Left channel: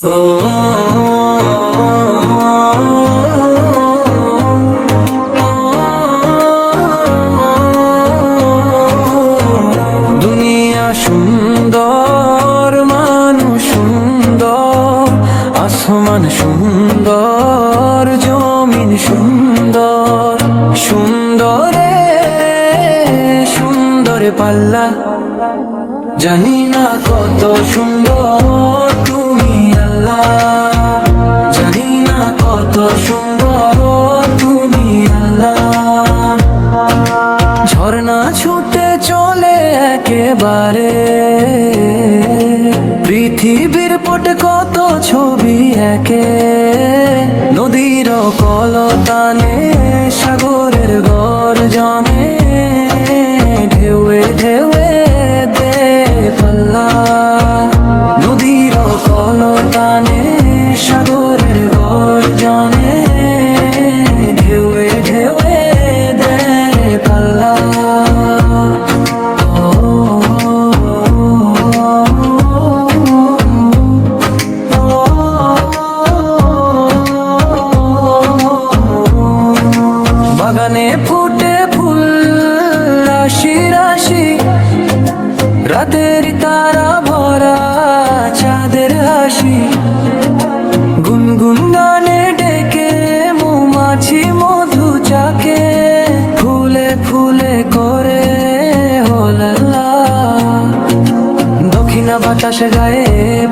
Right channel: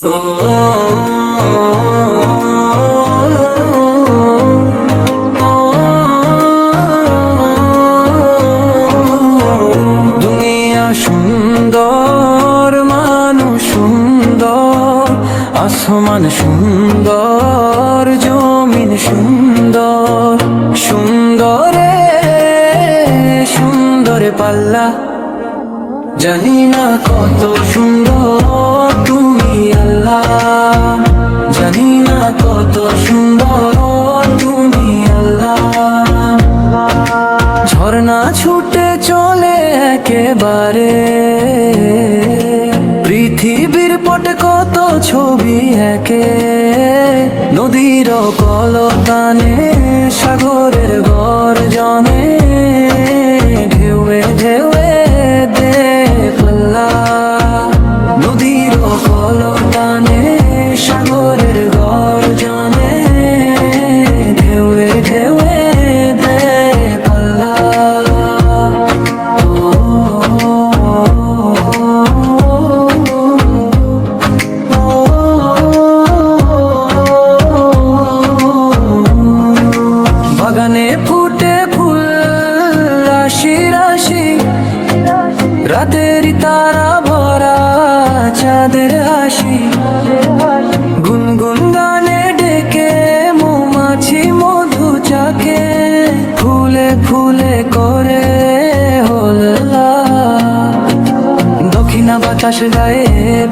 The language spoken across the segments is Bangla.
দুনিয়া সুন্দর, মানুষ সুন্দর, আসমান সুন্দর, জমিন সুন্দর, সুন্দরে সুন্দরে পাল্লা। জানি না কত সুন্দর তুমি আল্লাহ, জানি না কত সুন্দর তুমি আল্লাহ। ঝর্ণা ছুটে চলে একেবারে, পৃথিবীর পটে কত ছবি একে। নদীর কলতানে, সাগরের গর্জনে, ঢেউয়ে ঢেউয়ে দে পাল্লা। নদীর কলতানে, সাগরের গর্জনে, ঢেউয়ে ঢেউয়ে দে পাল্লা। বাগানে ফুটে ফুল রাশি রাশি, রাতের তারা ভরা চাঁদের হাসি। গুনগুন গানে ডেকে মৌমাছি মধু চাকে, ফুলে ফুলে করে হোল্লা। দক্ষিণা বাতাস গায়ে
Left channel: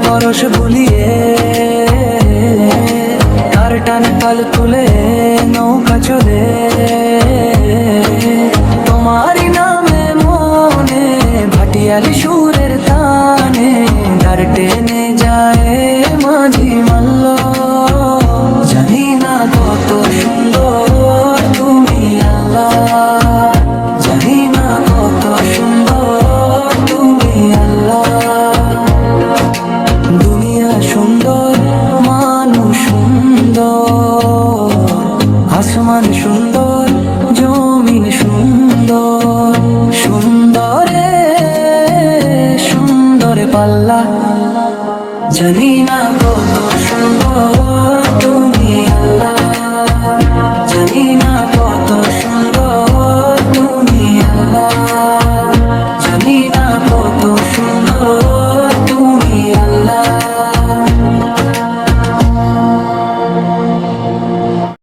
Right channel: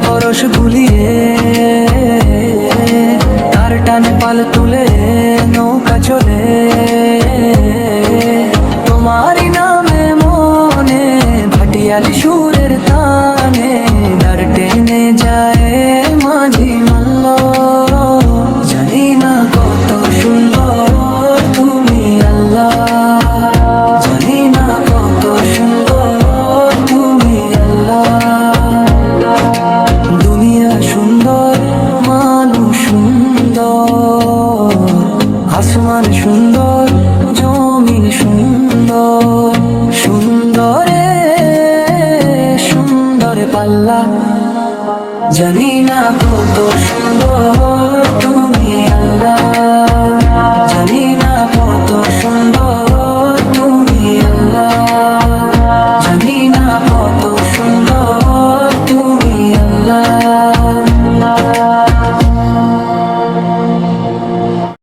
পরশ বুলিয়ে, তার টানে পাল তুলে নৌকা চলে। তোমারই নামে মনে ভাটিয়ালি সুরের তানে, ডার টেনে যায় মাঝি মাল্ল। জানি না কত সুন্দর তুমি আল্লাহ, জানি না কত সুন্দর তুমি আল্লাহ। দুনিয়া সুন্দর, মানুষ সুন্দর, আসমান সুন্দর, জমিন সুন্দর, সুন্দরে সুন্দরে পাল্লা। জানি না কত সুন্দর তুমি আল্লাহ, জানি না কত সুন্দর তুমি আল্লাহ, জানি না কত সুন্দর তুমি আল্লাহ।